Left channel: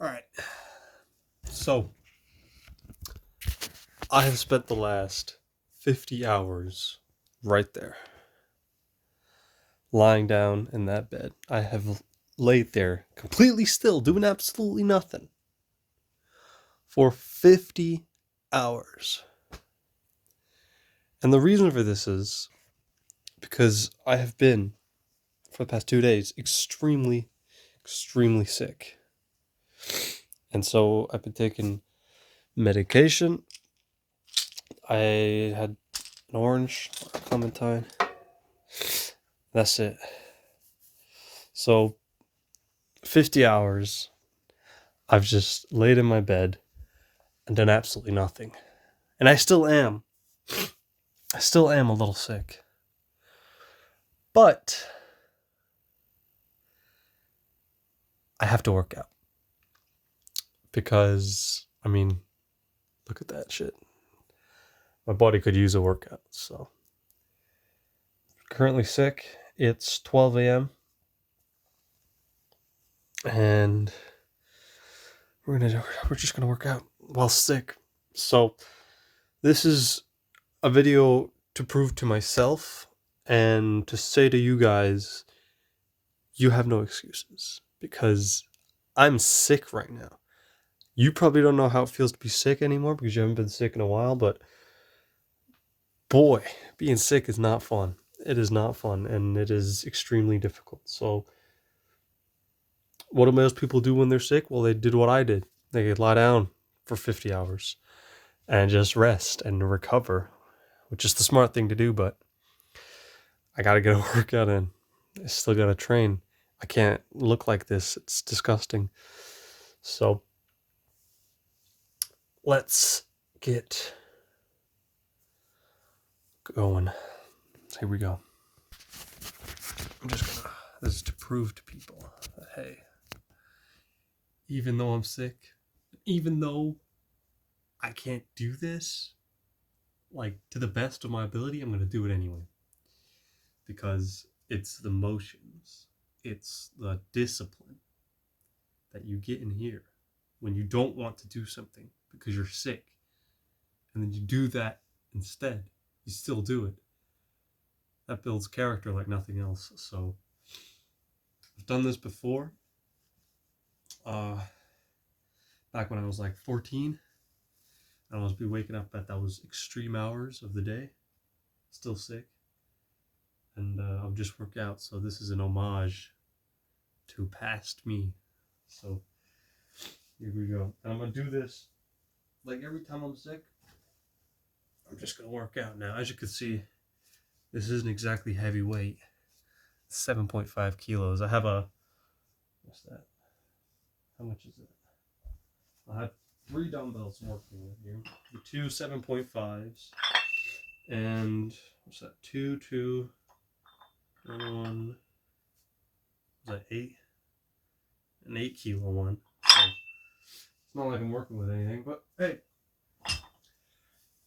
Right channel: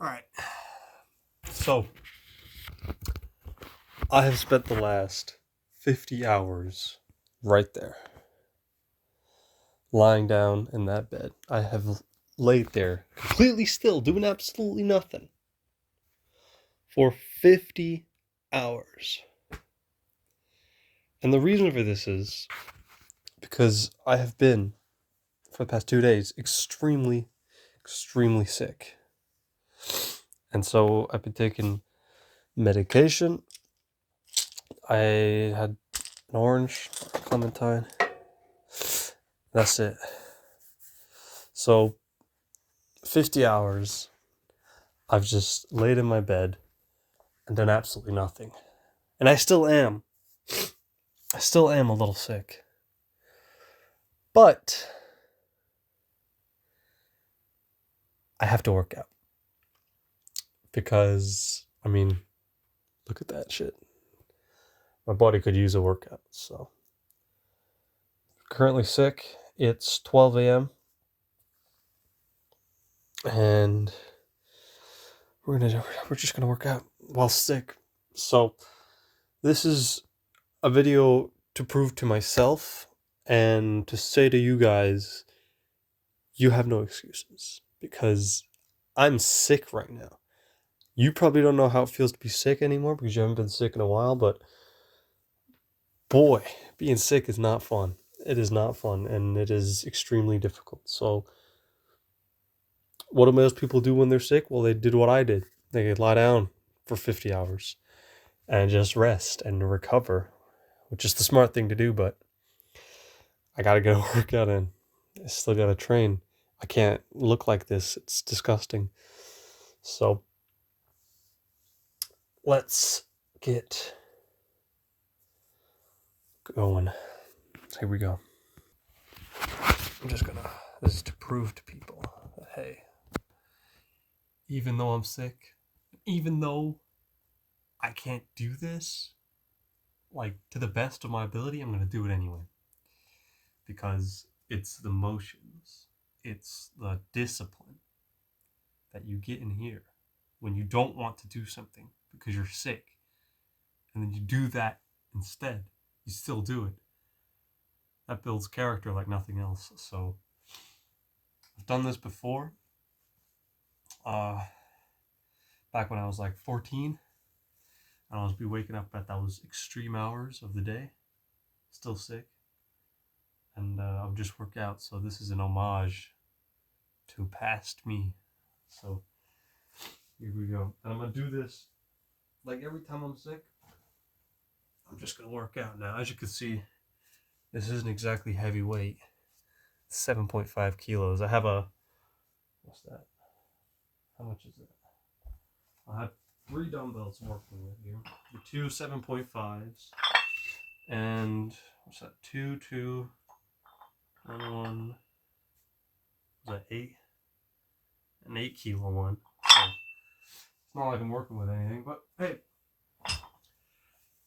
Alright, so I have spent the last 50 hours right there, lying down in that bed. I have laid there completely still, doing absolutely nothing for 50 hours. And the reason for this is because I have been, for the past 2 days, extremely sick. And so I've been taking medication. I had an orange, clementine. That's it. So 50 hours, I've just laid in my bed and done absolutely nothing. And I still am. I still am a little sick. But I have to work out. Because, I mean, look at that shit. My body could use a workout, so. Currently sick. It's 12 a.m. And we're just gonna work out while sick. So this is a video to prove to myself and to say to you guys, you have no excuses, because I'm sick right now. You probably don't know how it feels to be sick anymore because you haven't been sick in a while, but boy, being sick is not fun. It is not fun, and it is extremely difficult. So what do most people do when they're sick? Well, they did what I did. They could lie down for 50 hours and just rest and recover, which is the smart thing to do, but I gotta get a workout in. I still gotta train. I can't look like this. It's disgusting. So let's get going. Here we go. This is to prove to people that, hey, even though I'm sick, even though I can't do this, like, to the best of my ability, I'm going to do it anyway. Because it's the motions, it's the discipline that you get in here when you don't want to do something because you're sick. And then you do that instead. You still do it. That builds character like nothing else. So I've done this before. Back when I was like 14, and I was be waking up at those extreme hours of the day, still sick, and I would just work out. So this is an homage to past me. So here we go. And I'm gonna do this like every time I'm sick. I'm just gonna work out now. As you can see, this isn't exactly heavy weight. It's 7.5 kilos. I have a, what's that? How much is it? I have 3 dumbbells I'm working with here. The 2 7.5s. And what's that? 2, 1. Is that 8? An 8 kilo one. So it's not like I'm working with anything, but hey,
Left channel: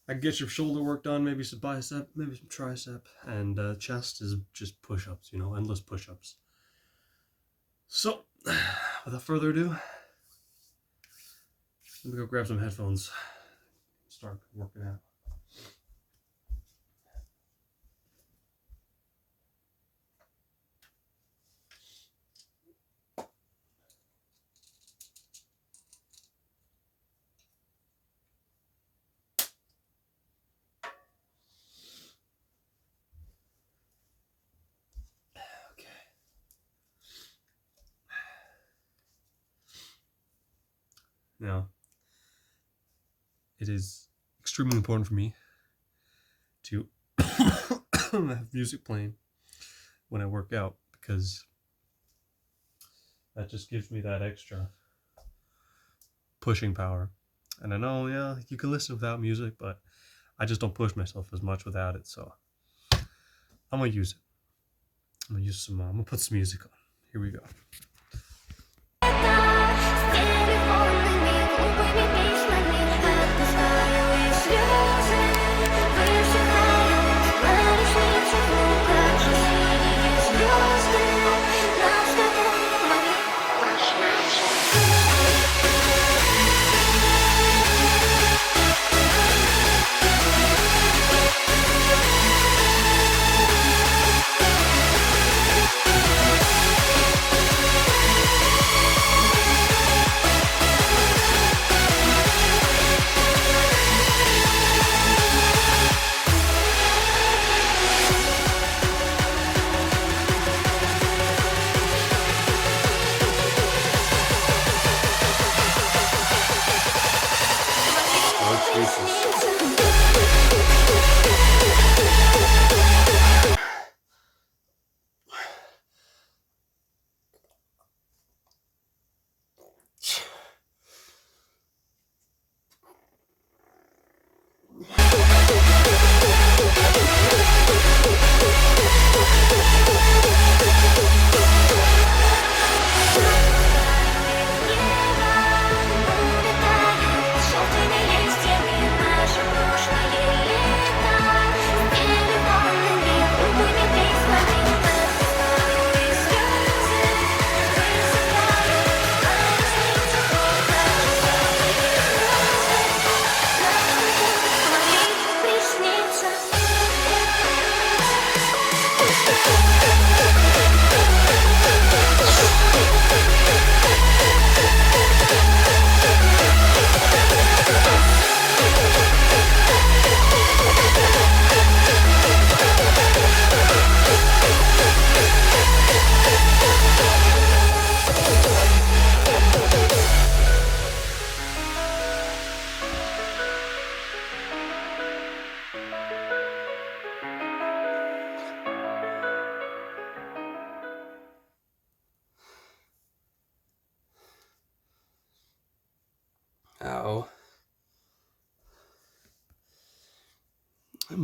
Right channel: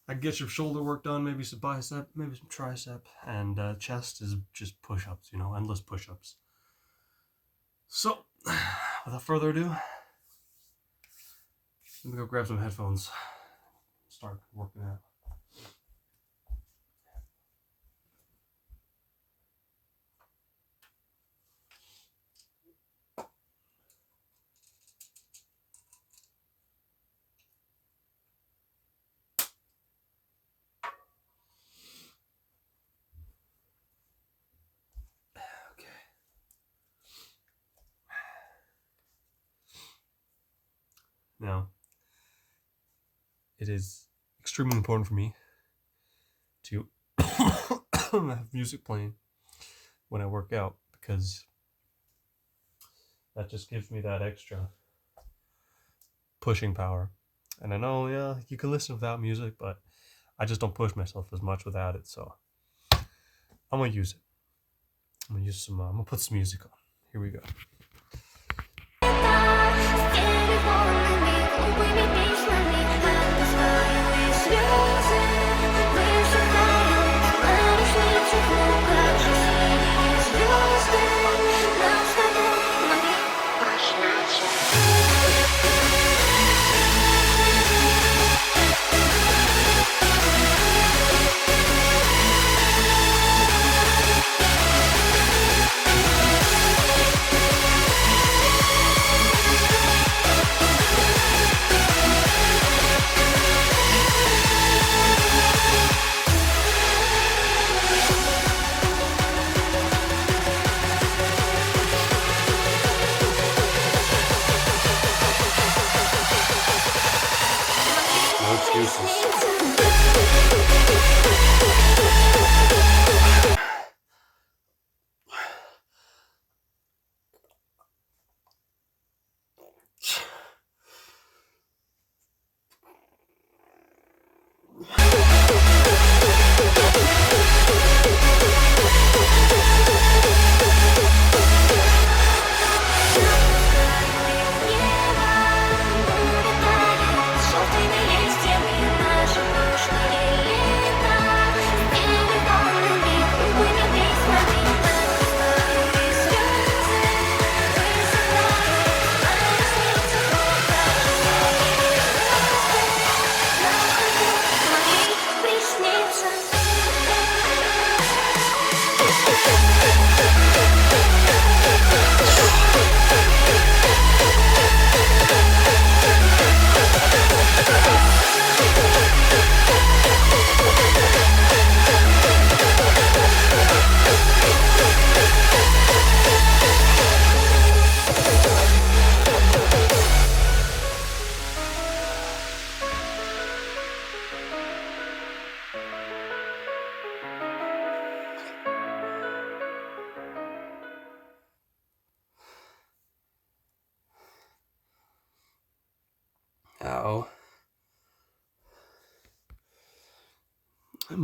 I can get your shoulder work done, maybe some bicep, maybe some tricep, and chest is just push-ups, endless push-ups. So, without further ado, let me go grab some headphones, start working out. Now, it is extremely important for me to have music playing when I work out, because that just gives me that extra pushing power. And I know, yeah, you can listen without music, but I just don't push myself as much without it, so I'm gonna use it. I'm gonna put some music on. Here we go.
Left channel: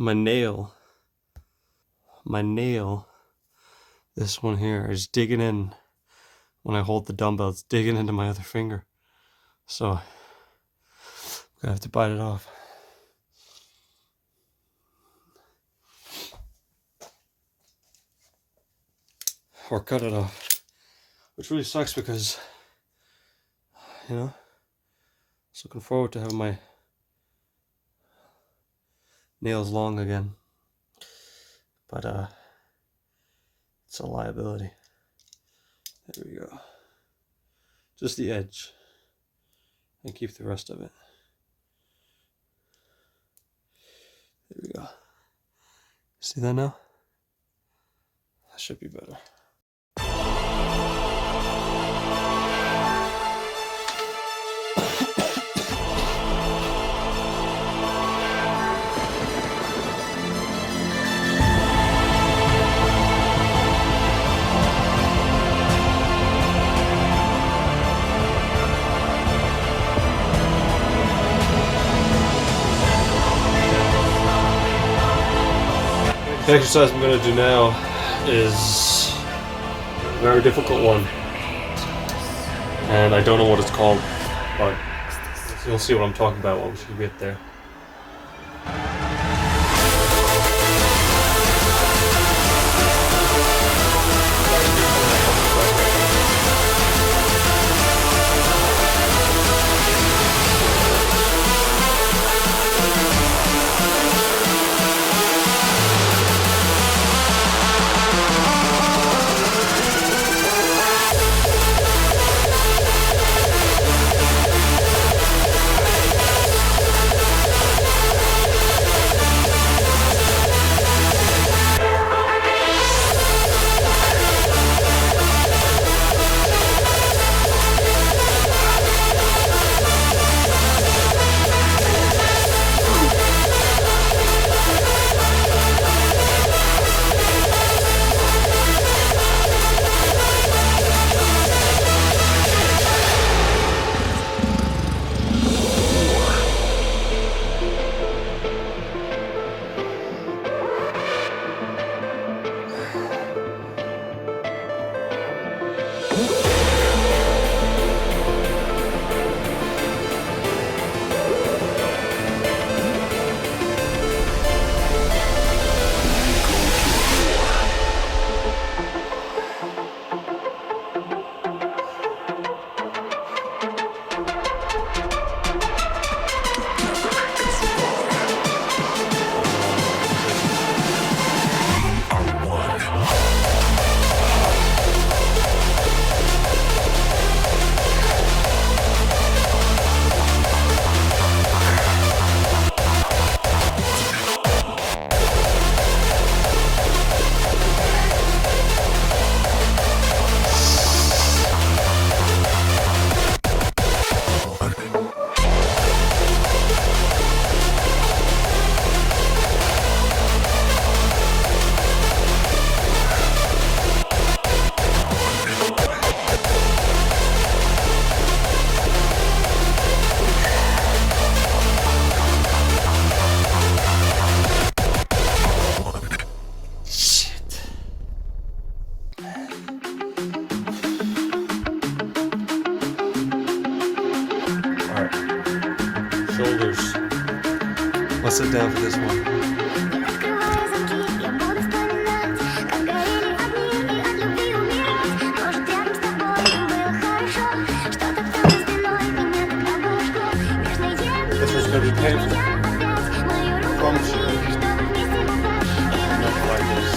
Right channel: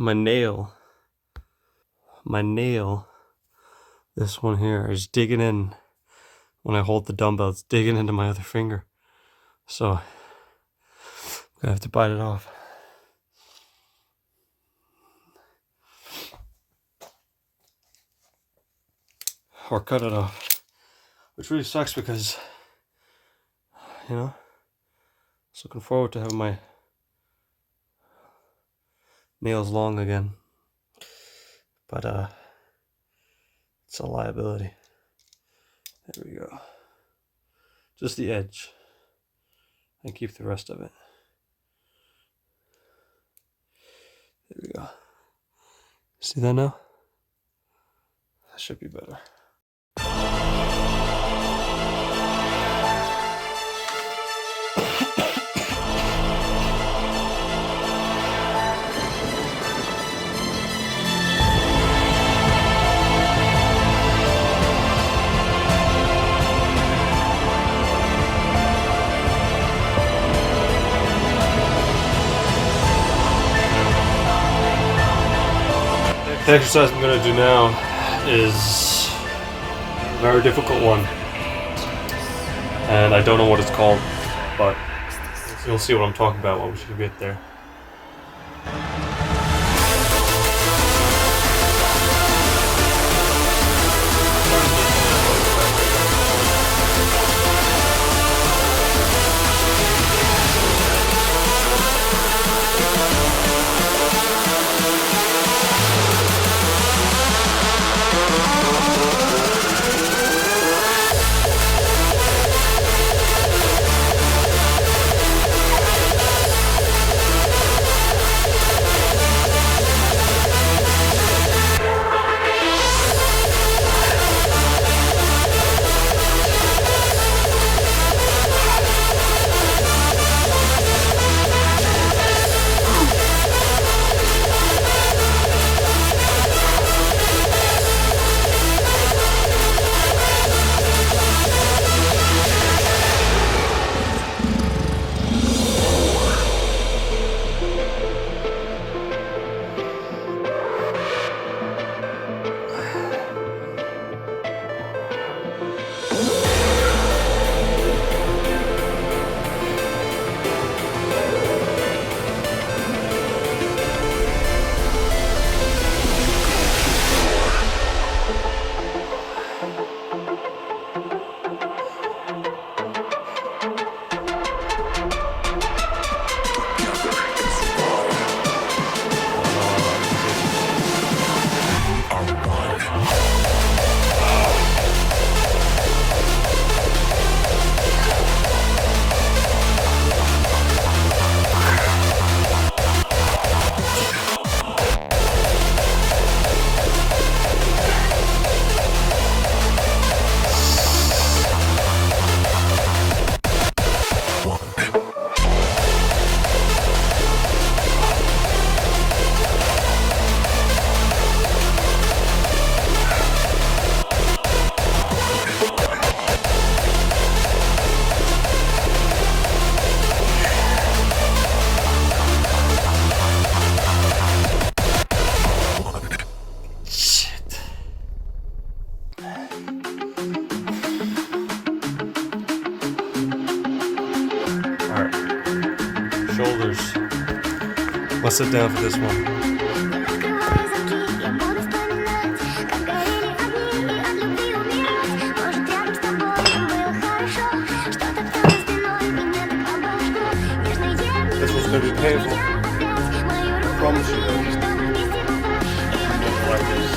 my nail, this one here is digging in. When I hold the dumbbell, it's digging into my other finger. So I have to bite it off. Or cut it off. Which really sucks because, you know, I was looking forward to having my nails long again. But it's a liability. There we go. Just the edge. And keep the rest of it. There we go. See that now? That should be better. The exercise I'm going to do now is a very difficult one, and I don't know what it's called, but you'll see what I'm talking about once we get there. Alright. Shoulders. Let's sit down for this one. This one's going to be painful. I promise you. Like this.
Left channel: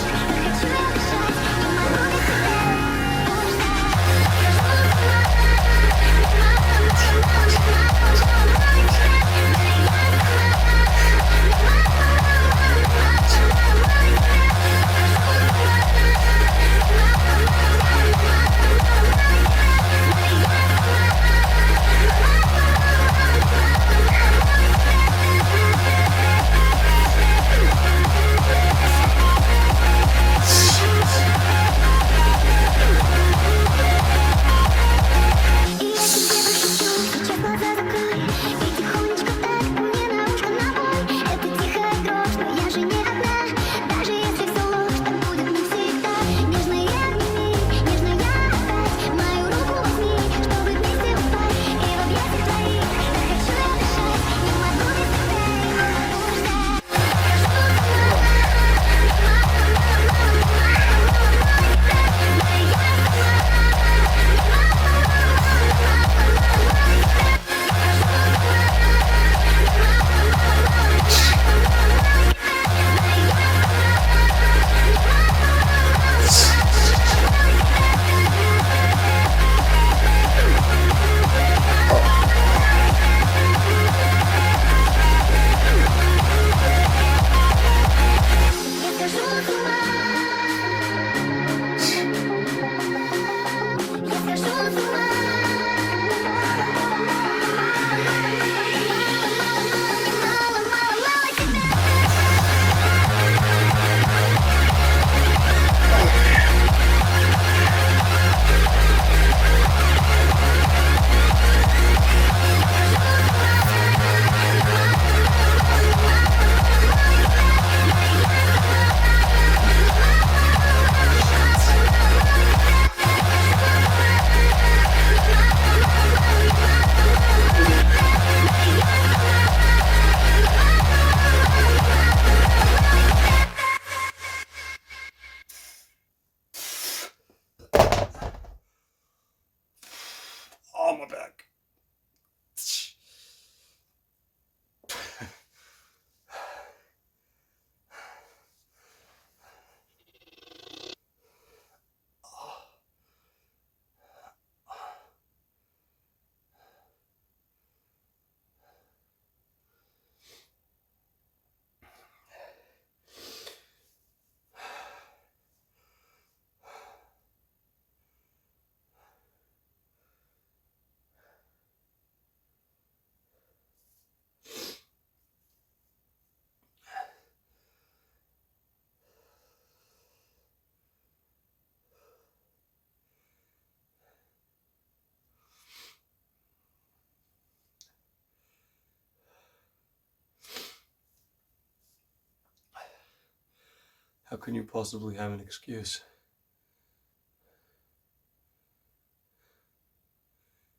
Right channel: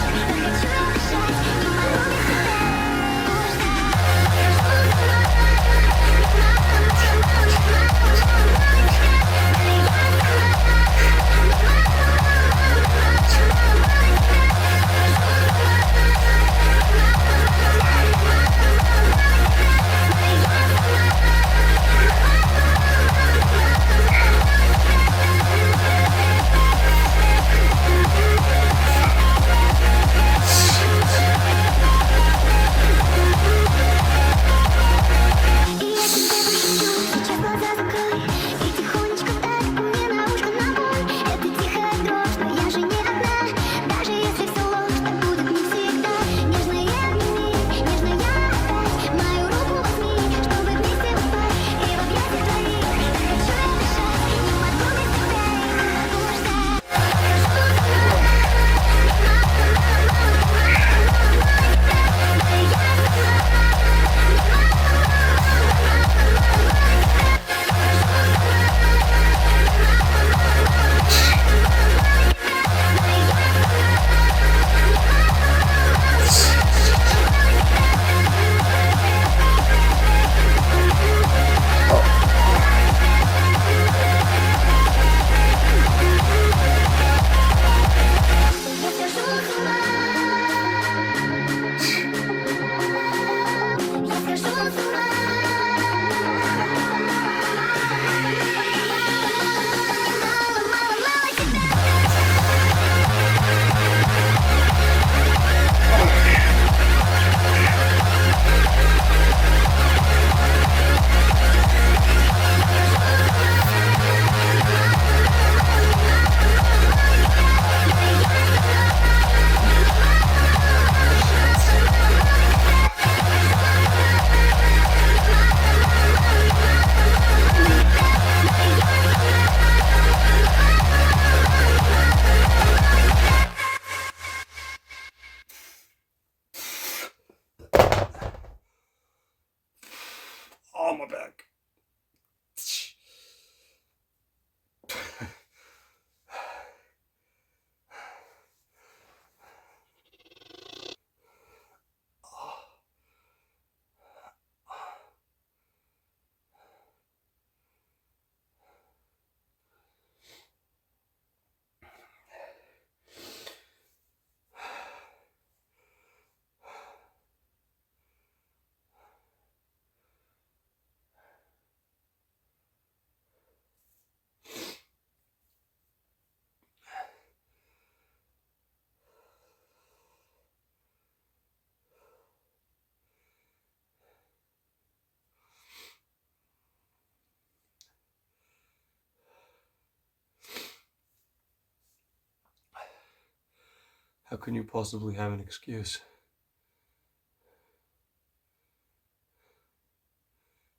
How can you possibly have an excuse?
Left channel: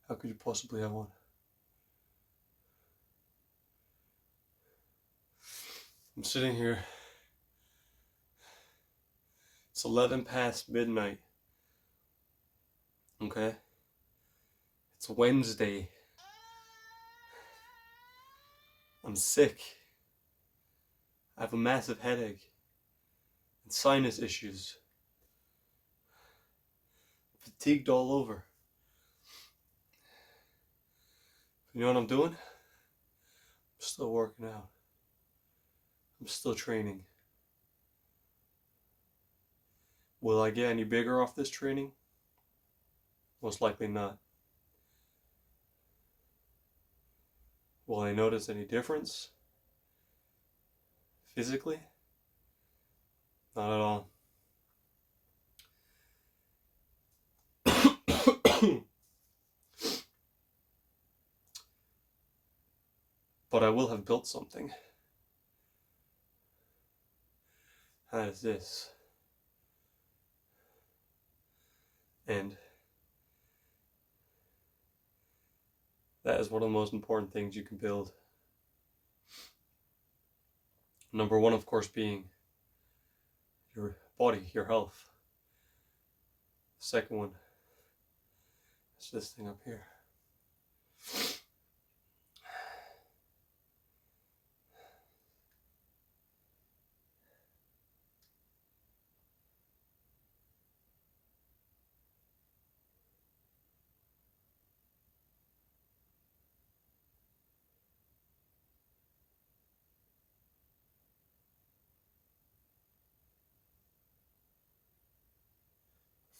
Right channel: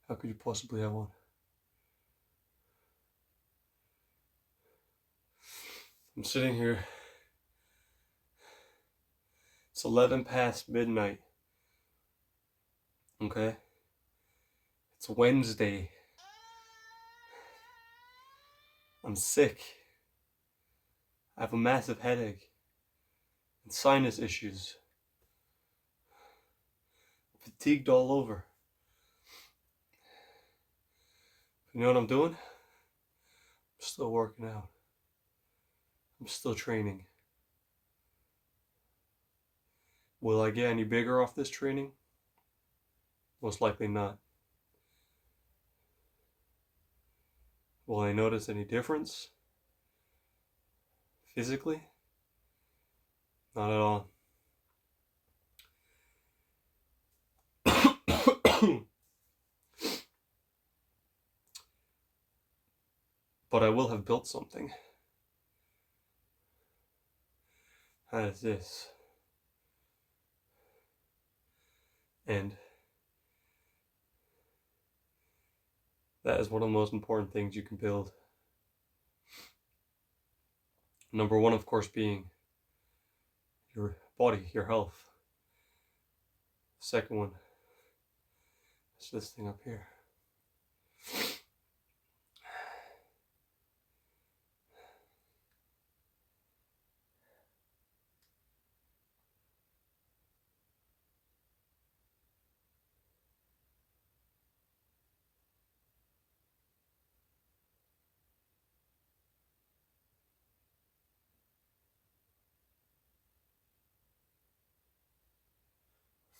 How could you possibly have one? I'm sitting here. It's 11 past midnight. Okay? It's Wednesday. I'm sick. I have a massive headache and sinus issues. Fatigued all over. You know what I'm doing? I'm still working out. I'm still training. Will I get any bigger off this training? Most likely not. Will I notice any difference? Physically? Not at all. But I will have built something. That is this. And that is one of the most important things you can build. Number one, of course, being your body, your health. Second one is this thing up here.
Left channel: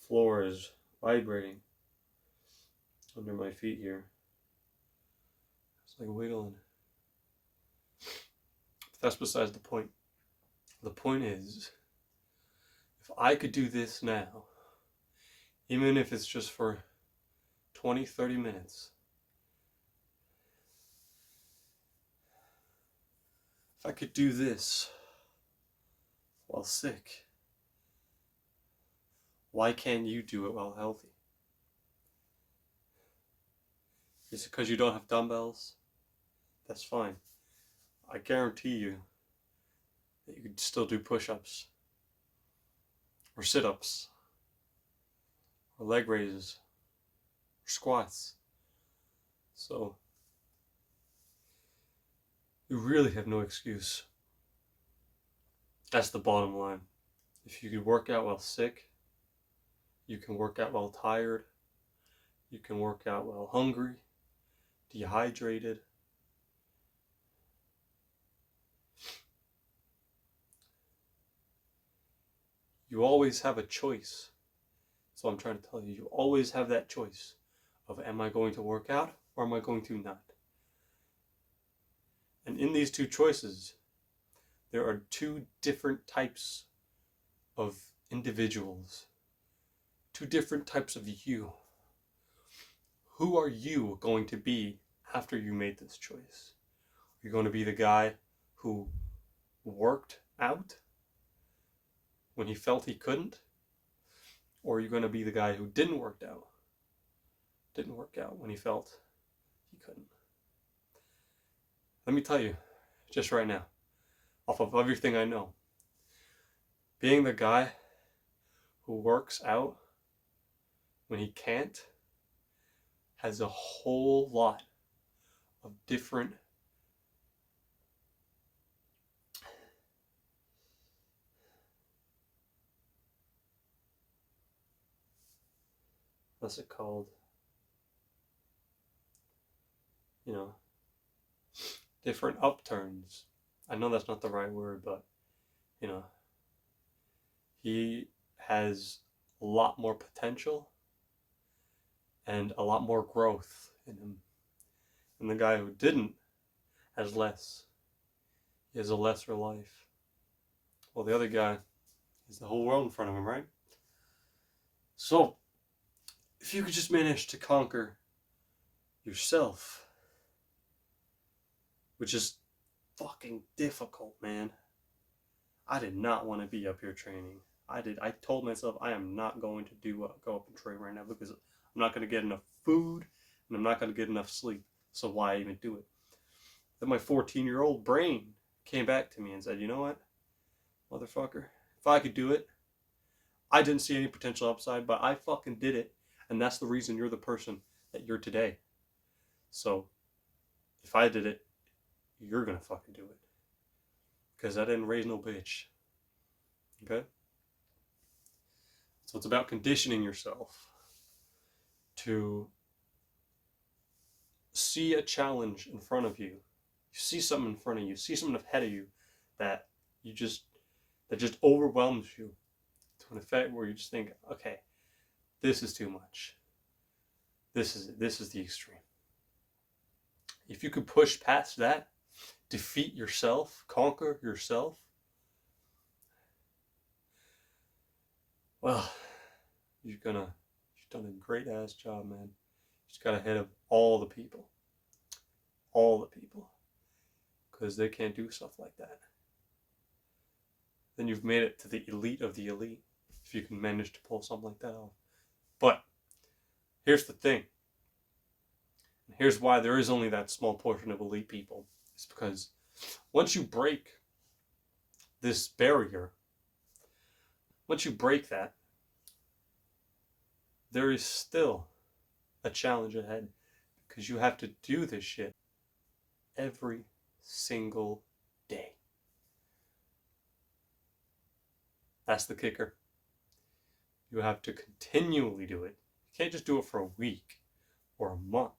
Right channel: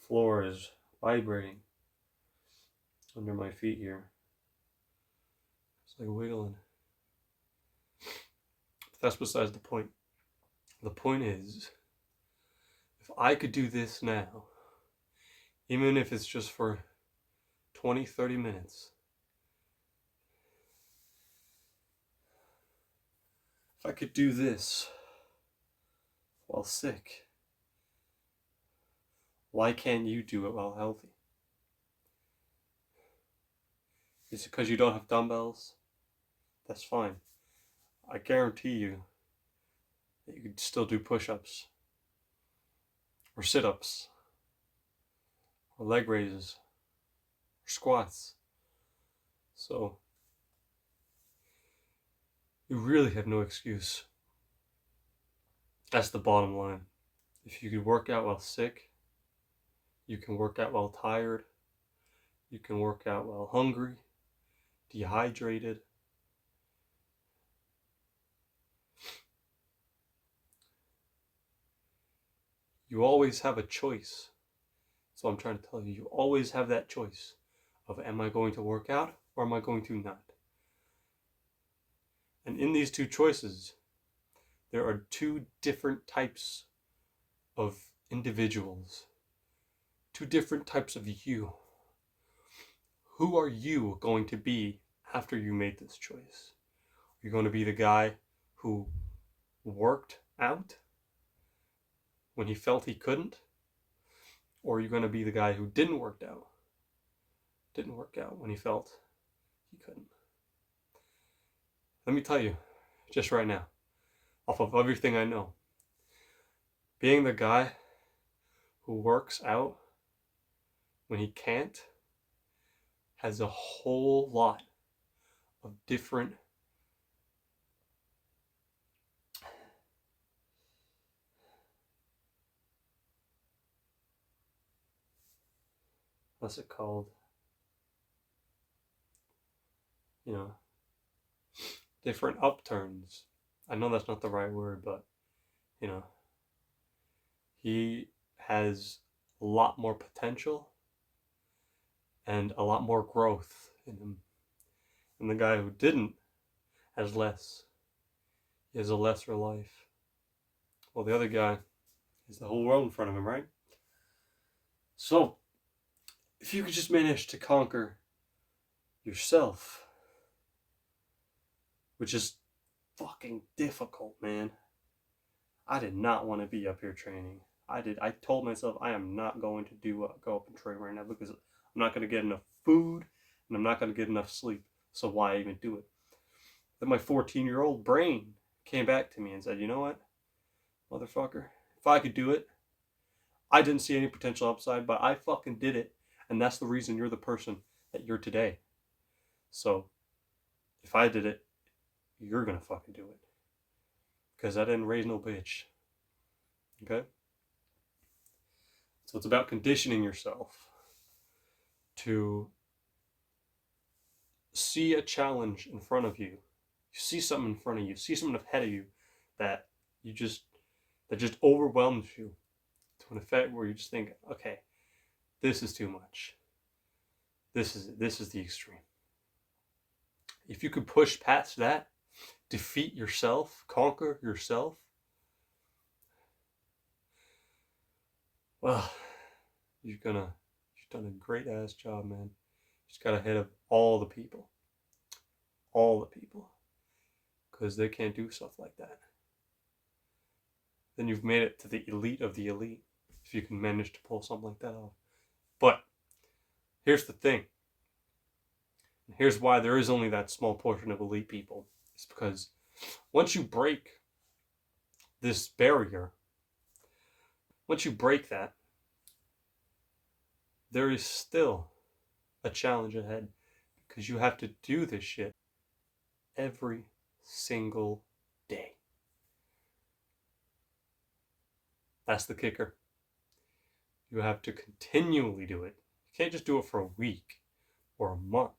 Floor is vibrating under my feet here. It's like wiggling. But that's besides the point. The point is, if I could do this now, even if it's just for 20, 30 minutes, if I could do this while sick, why can't you do it while healthy? Is it because you don't have dumbbells? That's fine. I guarantee you that you could still do push-ups, or sit-ups, or leg raises, or squats. So, you really have no excuse. That's the bottom line. If you could work out while sick, you can work out while tired, you can work out while hungry, dehydrated. You always have a choice. So I'm trying to tell you, you always have that choice of, am I going to work out or am I going to not? And in these two choices, there are two different types of individuals, two different types of you. Who are you going to be after you made this choice? Are you going to be the guy who worked out when he felt he couldn't? Or are you going to be the guy who didn't work out when he felt he couldn't? Let me tell you, just right now, off of everything I know, being the guy who works out when he can't has a whole lot of different what's it called? Different upturns. I know that's not the right word, but, he has a lot more potential and a lot more growth in him. And the guy who didn't has less. He has a lesser life. Well, the other guy has the whole world in front of him, right? So, if you could just manage to conquer yourself, which is fucking difficult, man. I did not want to be up here training. I told myself I am not going to go up and train right now because I'm not going to get enough food and I'm not going to get enough sleep. So why even do it? Then my 14-year-old brain came back to me and said, you know what, motherfucker, if I could do it, I didn't see any potential upside, but I fucking did it. And that's the reason you're the person that you're today. So if I did it, you're going to fucking do it. Because I didn't raise no bitch. Okay? So it's about conditioning yourself to see a challenge in front of you. You see something in front of you, see something ahead of you that just overwhelms you to an effect where you just think, okay, this is too much. This is the extreme. If you could push past that, defeat yourself, conquer yourself, well, you've done a great ass job, man. You just got ahead of all the people, because they can't do stuff like that. Then you've made it to the elite of the elite if you can manage to pull something like that off. But here's the thing. Here's why there is only that small portion of elite people. It's because once you break this barrier, once you break that, there is still a challenge ahead because you have to do this shit every single day. That's the kicker. You have to continually do it. You can't just do it for a week or a month.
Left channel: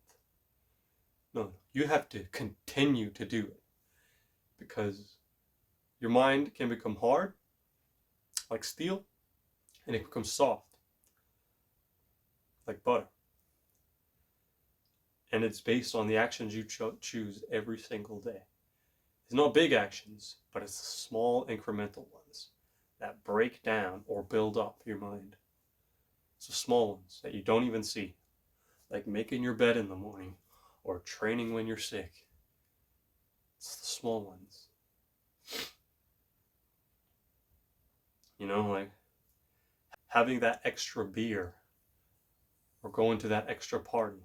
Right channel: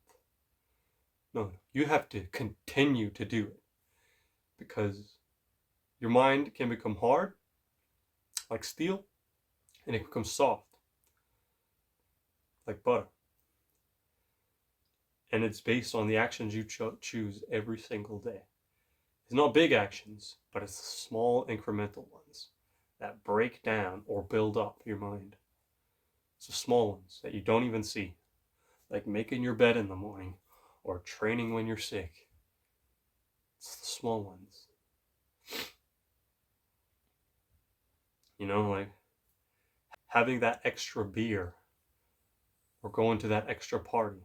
No, you have to continue to do it because your mind can become hard, like steel, and it can become soft, like butter. And it's based on the actions you choose every single day. It's not big actions, but it's the small incremental ones that break down or build up your mind. It's the small ones that you don't even see, like making your bed in the morning or training when you're sick. It's the small ones. You know, like having that extra beer or going to that extra party.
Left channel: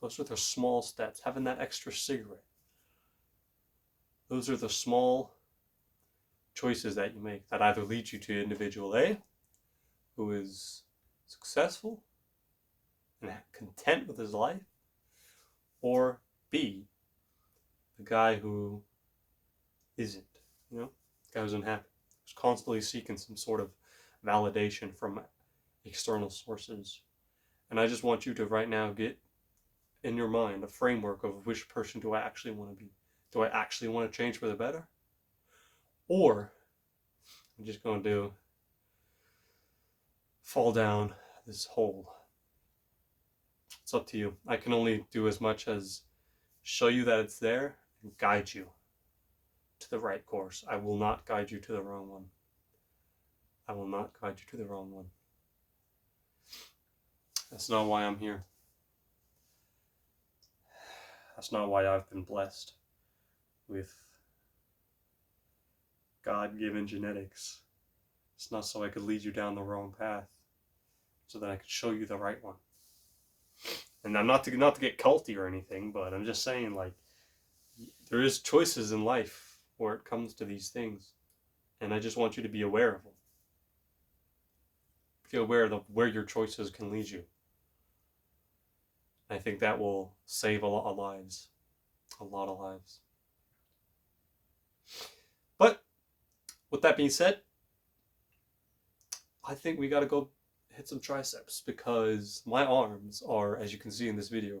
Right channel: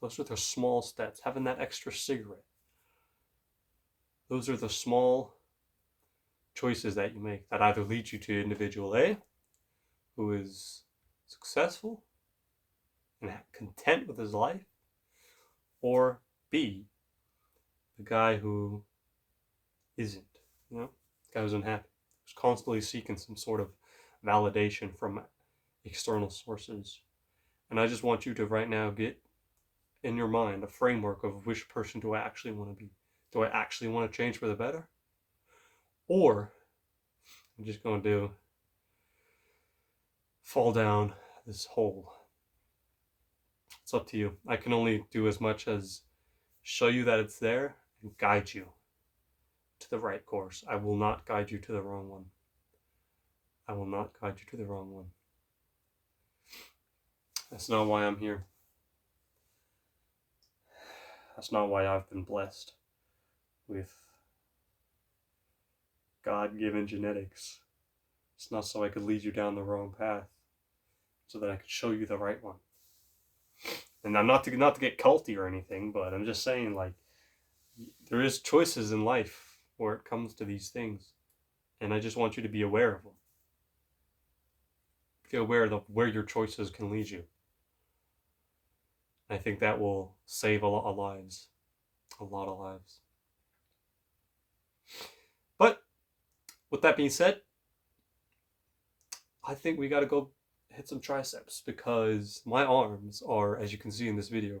Those are the small steps. Having that extra cigarette. Those are the small choices that you make that either lead you to individual A, who is successful and content with his life, or B, the guy who isn't, you know, the guy who's unhappy, who's constantly seeking some sort of validation from external sources. And I just want you to right now get in your mind a framework of which person do I actually want to be. Do I actually want to change for the better? Or I'm just going to fall down this hole. It's up to you. I can only do as much as show you that it's there and guide you to the right course. I will not guide you to the wrong one. I will not guide you to the wrong one. That's not why I'm here. That's not why I've been blessed with God-given genetics. It's not so I could lead you down the wrong path, so that I could show you the right one. And I'm not to get culty or anything, but I'm just saying, like, there is choices in life where it comes to these things, and I just want you to be aware of them. Be aware of where your choices can lead you. I think that will save a lot of lives. A lot of lives. But with that being said, I think we gotta go hit some triceps because my arms are, as you can see in this video,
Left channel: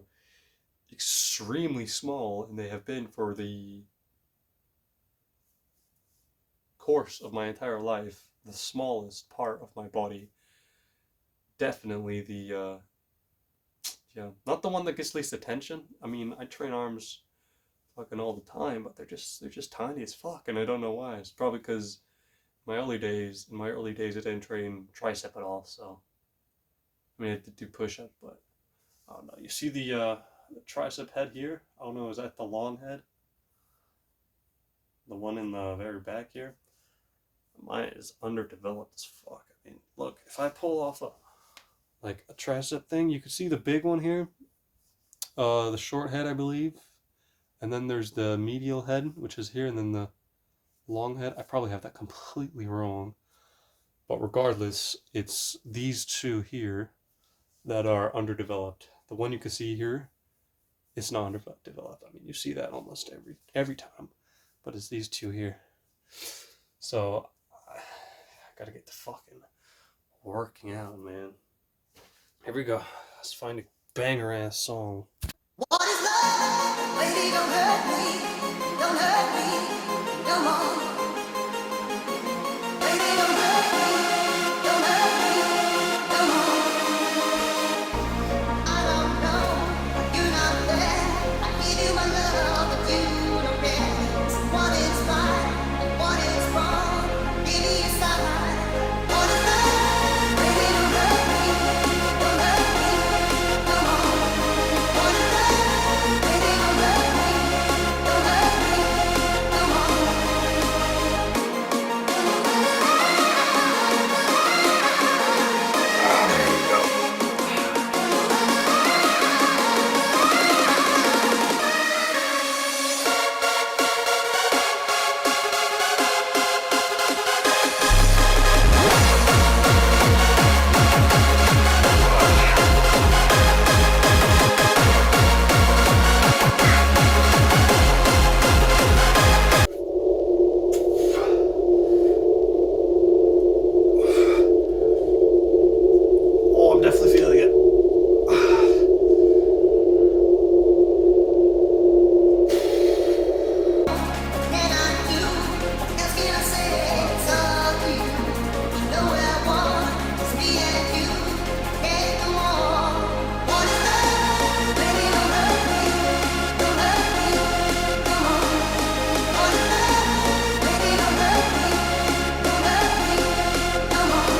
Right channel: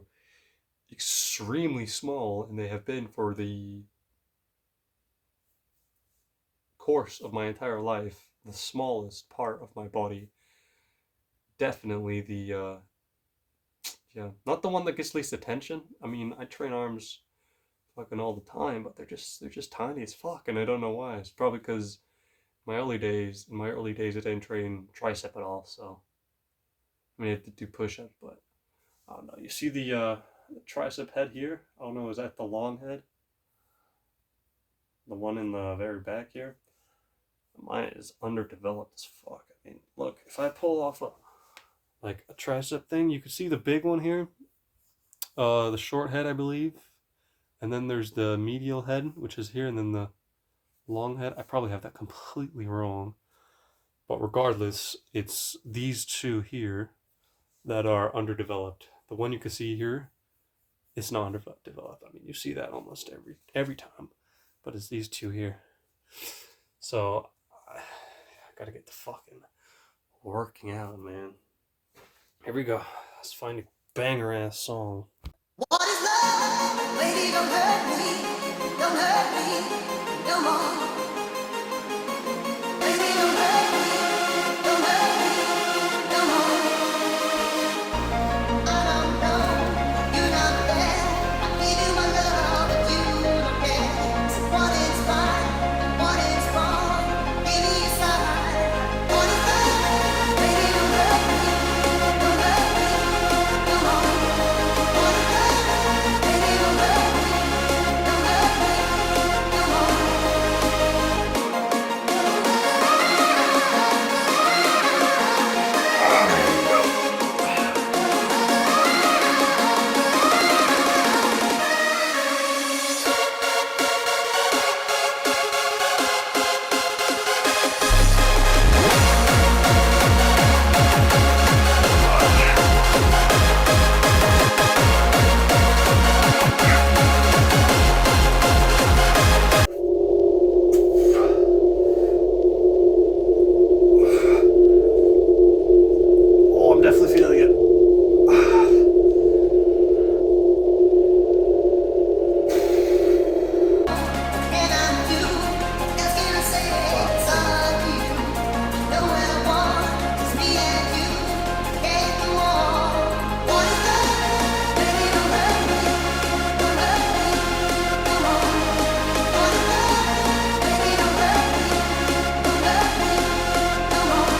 extremely small, and they have been for the course of my entire life the smallest part of my body. Definitely the not the one that gets least attention. I mean, I train arms fucking all the time, but they're just tiny as fuck, and I don't know why. It's probably because in my early days I didn't train tricep at all, so I mean I did do push-ups, but I don't know. You see the tricep head here? I don't know, is that the long head? the one in the very back here, mine is underdeveloped as fuck. I mean, look, if I pull off a tricep thing, you can see the big one here, the short head, I believe, and then there's the medial head, which is here, and then the long head. I probably have that completely wrong, but regardless, it's these two here that are underdeveloped. The one you can see here, it's not underdeveloped. I mean, you see that almost every time, but it's these two here. So I gotta get the fucking working out, man. Here we go. Let's find a banger ass song. What is love? Lady, don't hurt me no more. Lady, don't hurt me no more. I don't know, you're not there. I give you my love, but you don't care. So what is right and what is wrong? Give me a sign. What is love? Lady, don't hurt me no more. What is love? Lady, don't hurt me no more. Oh, I'm definitely feeling it. Can I do? What else can I say? It's up to you. You know what I want. It's me and you. Can't go on. What is love? Baby, don't hurt me no more. What is love? Baby, don't hurt me no more.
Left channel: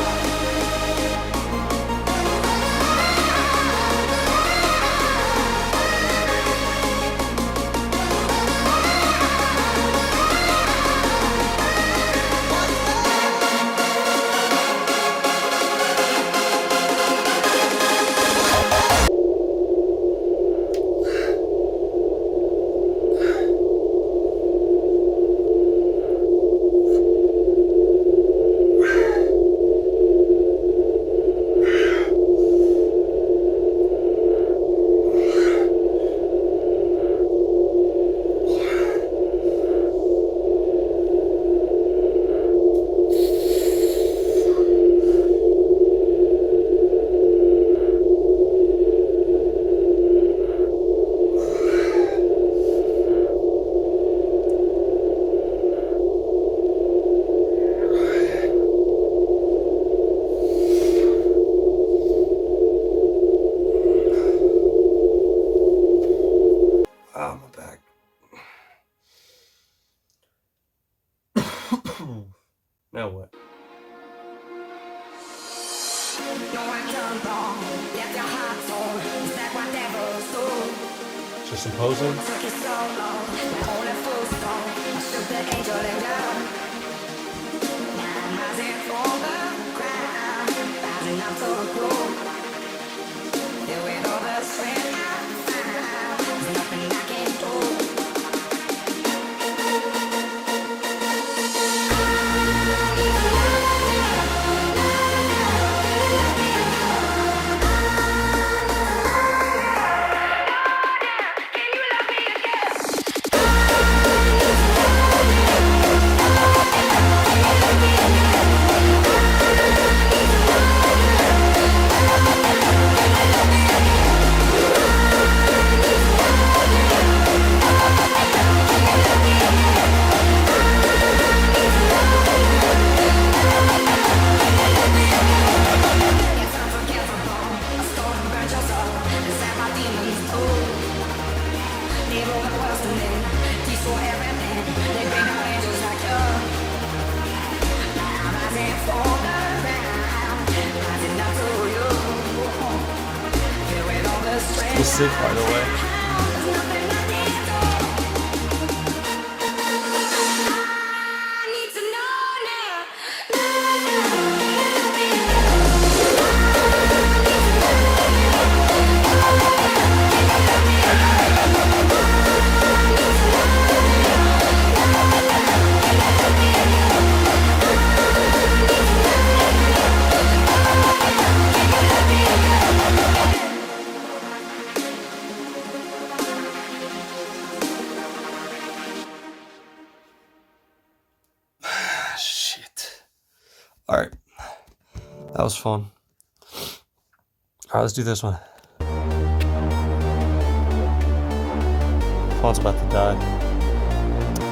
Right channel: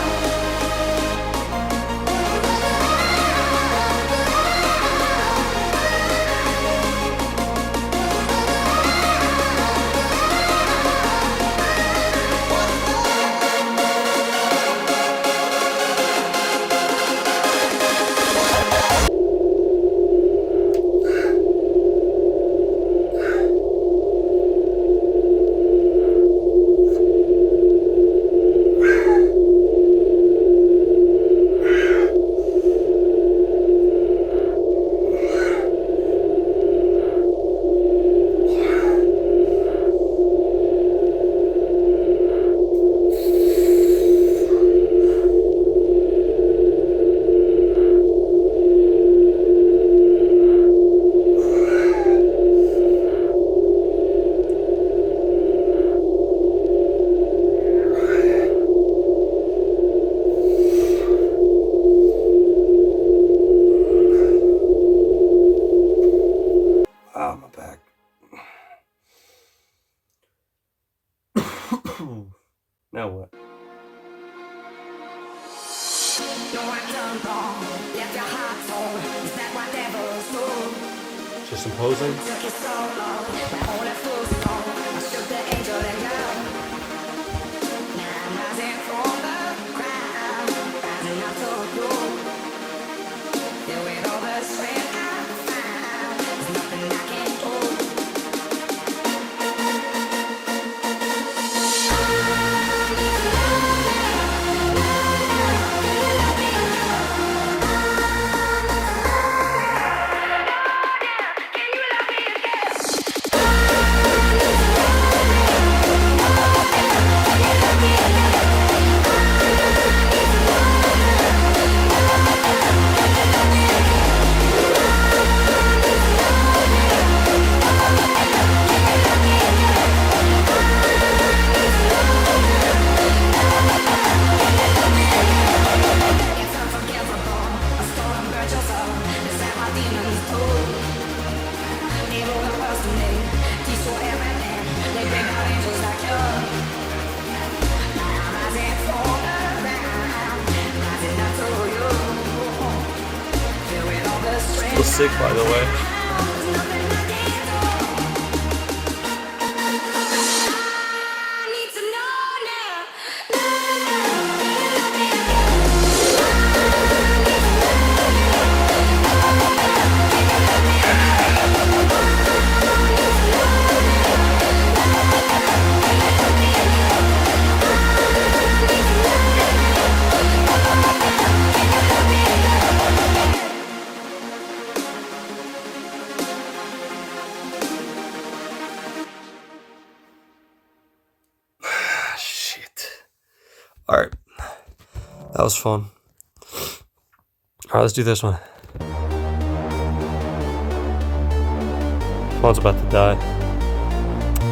Ah, my back. Now what? No, I done wrong. Left your heart torn. Is that what devils do? Just some posing. Took you so long. My only fools fall. I shook the angel and down. Now I'm rising from the ground. Rising up to you. Filled with all the strength I found. There's nothing I can do. It's unforgivable. A storm burnt your soul. Is that my demons do? They rule the world to me. Destroy everything. They bring out angels like you. Now I'm rising from the ground. Rising up to you. Filled with all the strength. It's sick, by the way. There's nothing I can do. was fun. Alright, let's do this one. Phone's about to die.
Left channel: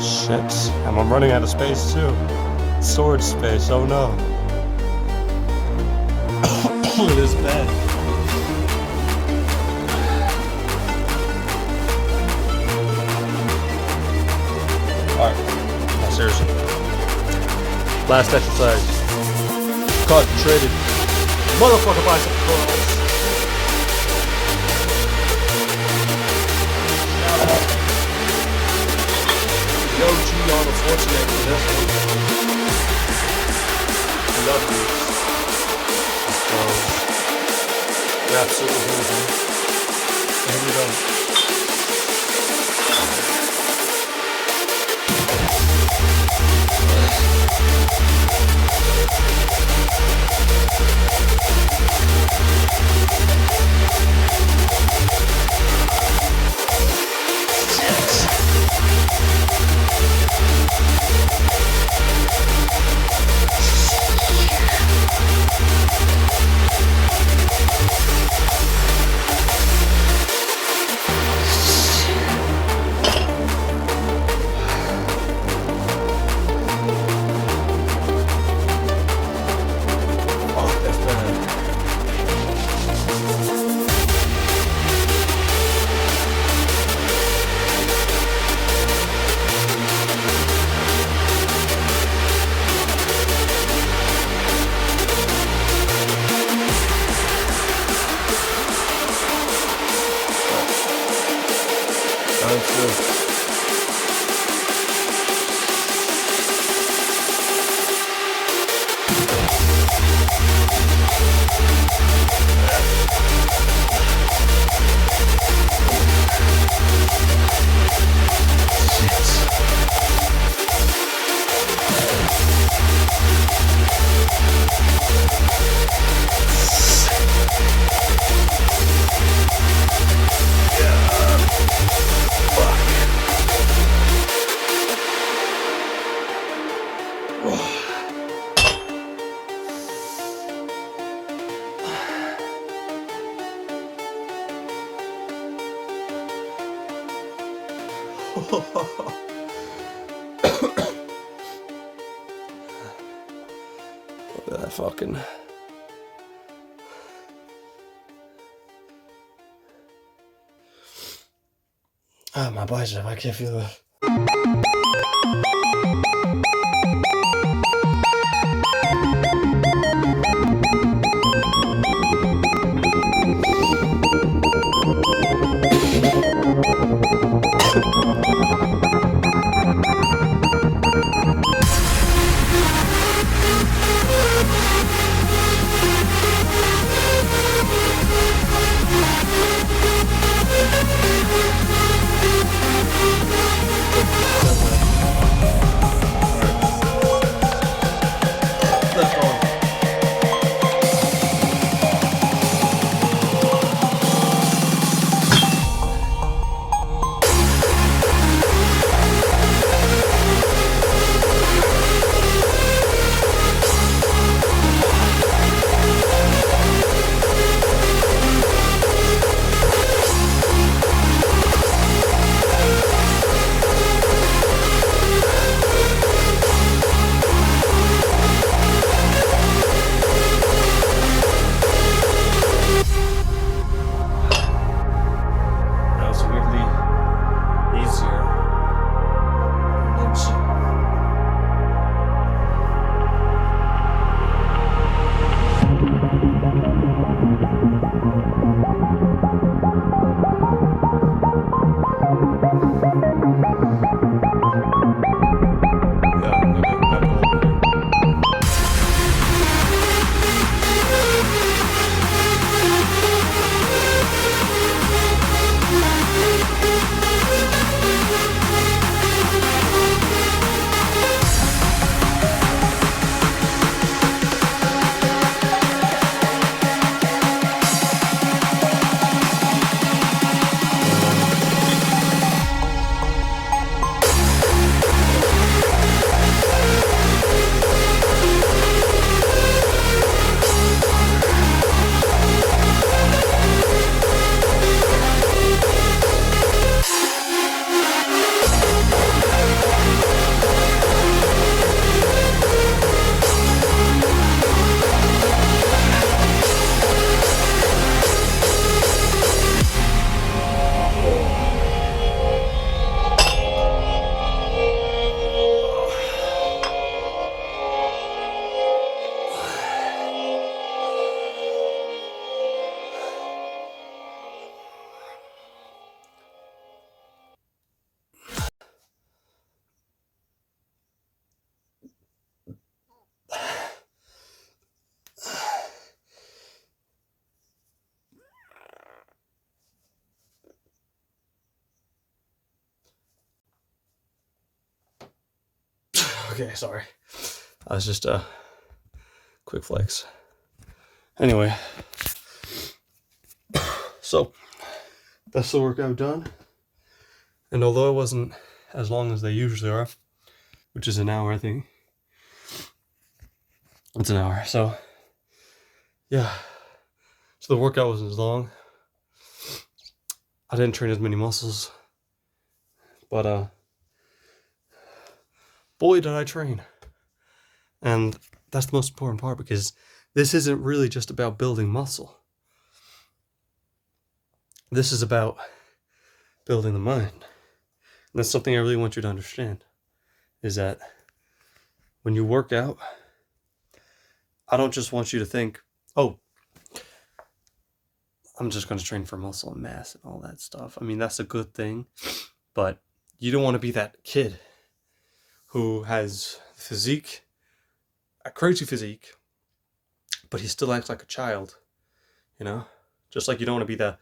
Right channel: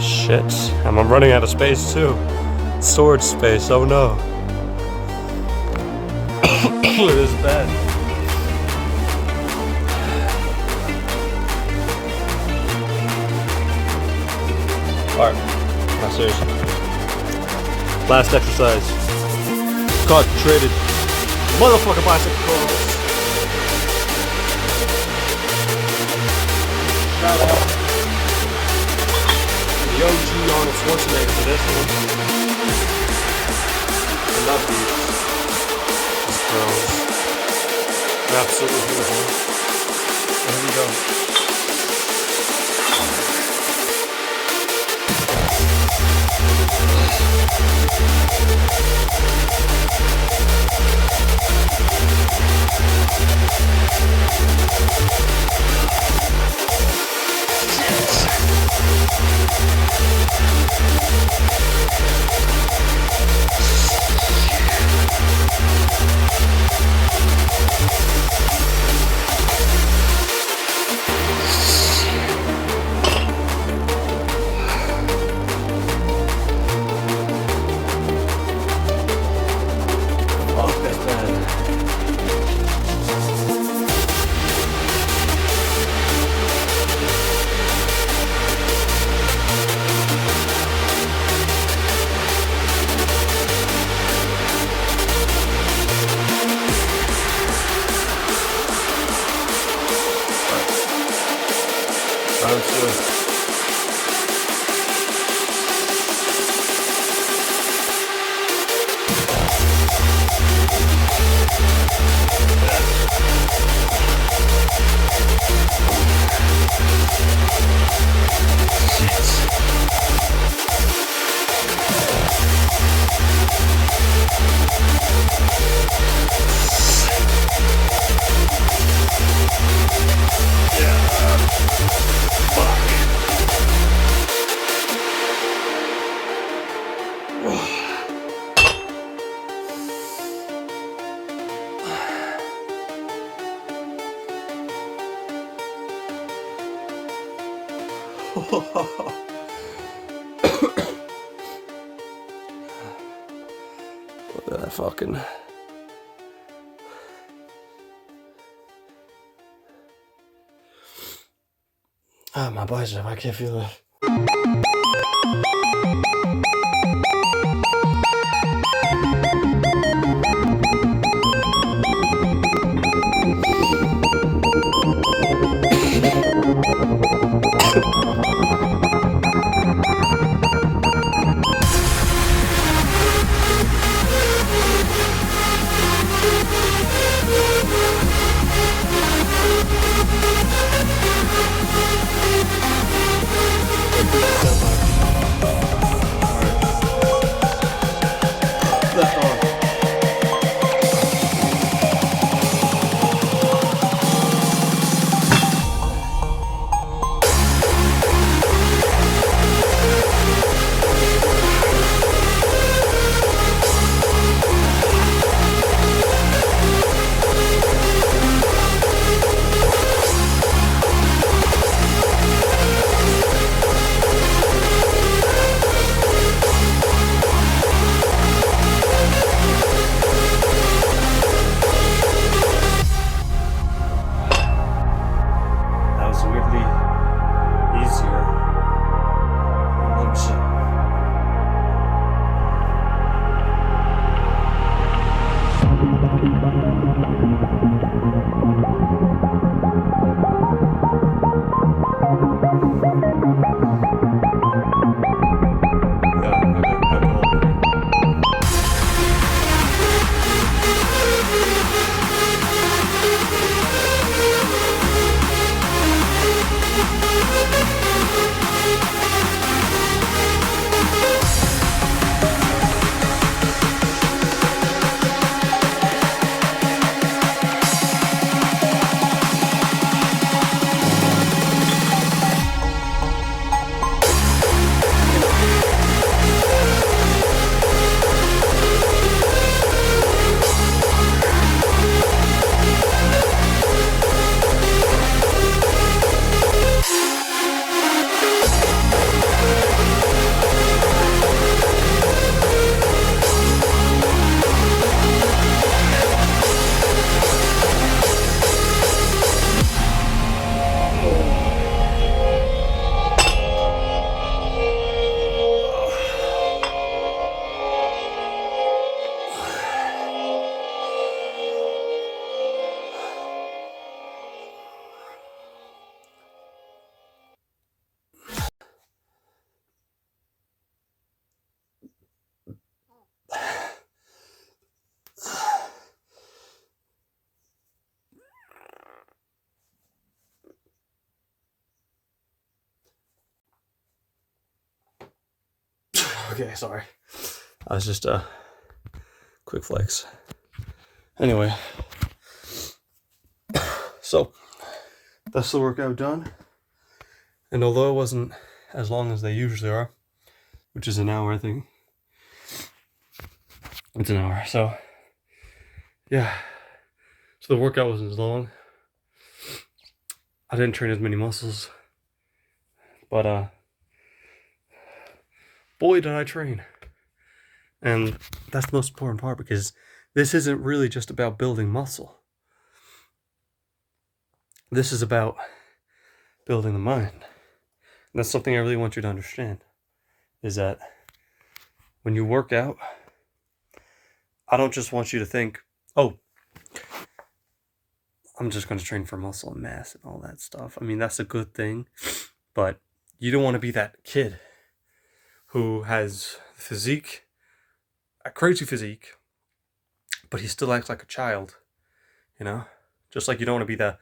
Shit. I'm running out of space too. Storage space, oh no. It is bad. Alright, now seriously. Last exercise. Concentrated. Motherfucker bicep curls. Shout out to the OG Arnold Schwarzenegger for this one. I love these. So, they're absolutely beautiful. Here we go. Sounds good. Look at that fucking. Ah, my bicep, I can't feel it. Okay, sorry. I was just a quick flex. Anyway, so that's the workout done. And although it wasn't as long as they usually are, which is an hour, I think. It's an hour. So yeah. So the workout wasn't as long. I didn't train as many muscles. But boy did I train. And that's the most important part, because this isn't really just about building muscle. This is about building the mind. And that's something I really want you to understand, is that when you work out, I don't just want you to think, oh, I'm just going to train for muscle and mass and all that stuff. I mean, that's a good thing, but you don't want to be that kid who has physique, a crazy physique, but he still acts like a child, you know? Just like you don't want to be the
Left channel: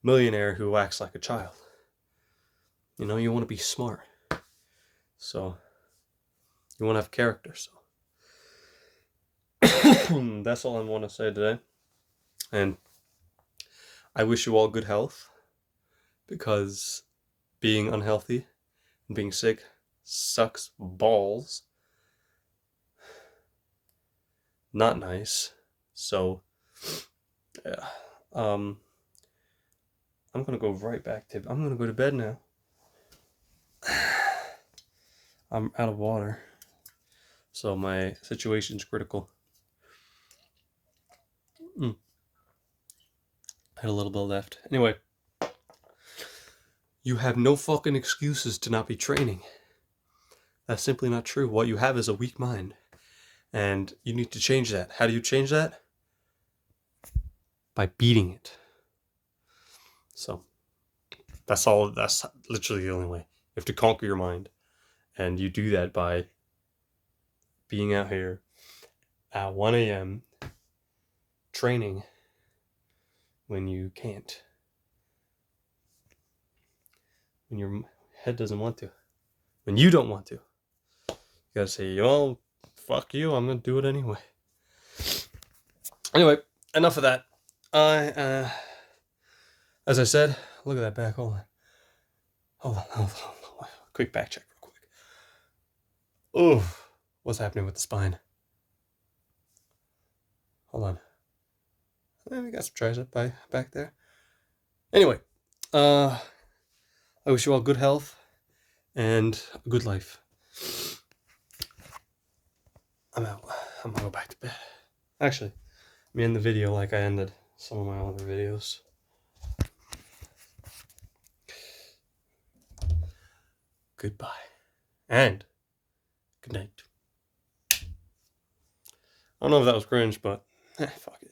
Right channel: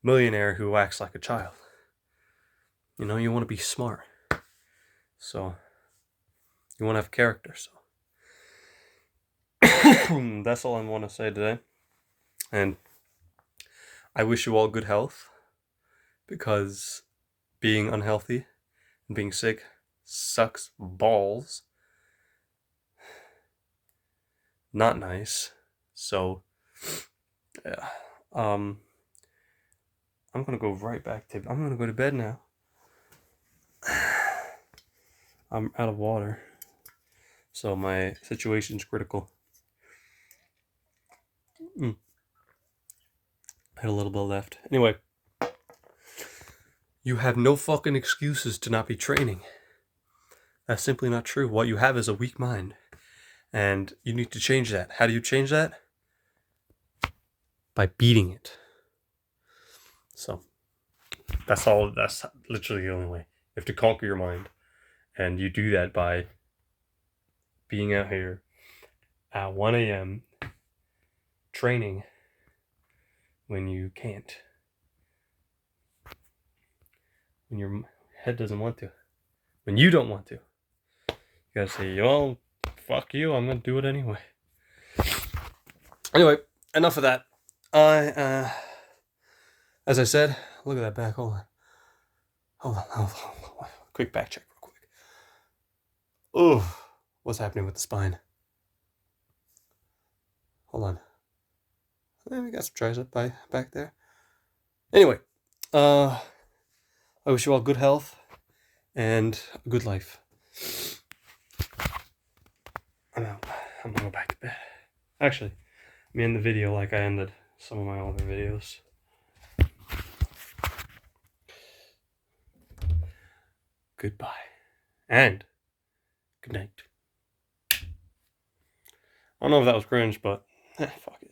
millionaire who acts like a child. You know, you want to be smart. So, you want to have character. So, that's all I want to say today. And I wish you all good health, because being unhealthy and being sick sucks balls. Not nice. So, yeah. I'm gonna go right back to. I'm gonna go to bed now. I'm out of water, so my situation's critical. I had a little bit left. Anyway, you have no fucking excuses to not be training. That's simply not true. What you have is a weak mind, and you need to change that. How do you change that? By beating it. So that's all. That's literally the only way. You have to conquer your mind, and you do that by being out here at 1 a.m. training when you can't, when your head doesn't want to, when you don't want to. You gotta say, well, fuck you, I'm gonna do it anyway. Anyway, enough of that. As I said, look at that back. Hold on. Quick back check, real quick. Oh, what's happening with the spine? Hold on. We got some tricep back there. Anyway, I wish you all good health and a good life. I'm out. I'm gonna go back to bed. Actually, let me end the video like I ended some of my other videos. Goodbye. And good night. I don't know if that was cringe, but fuck it.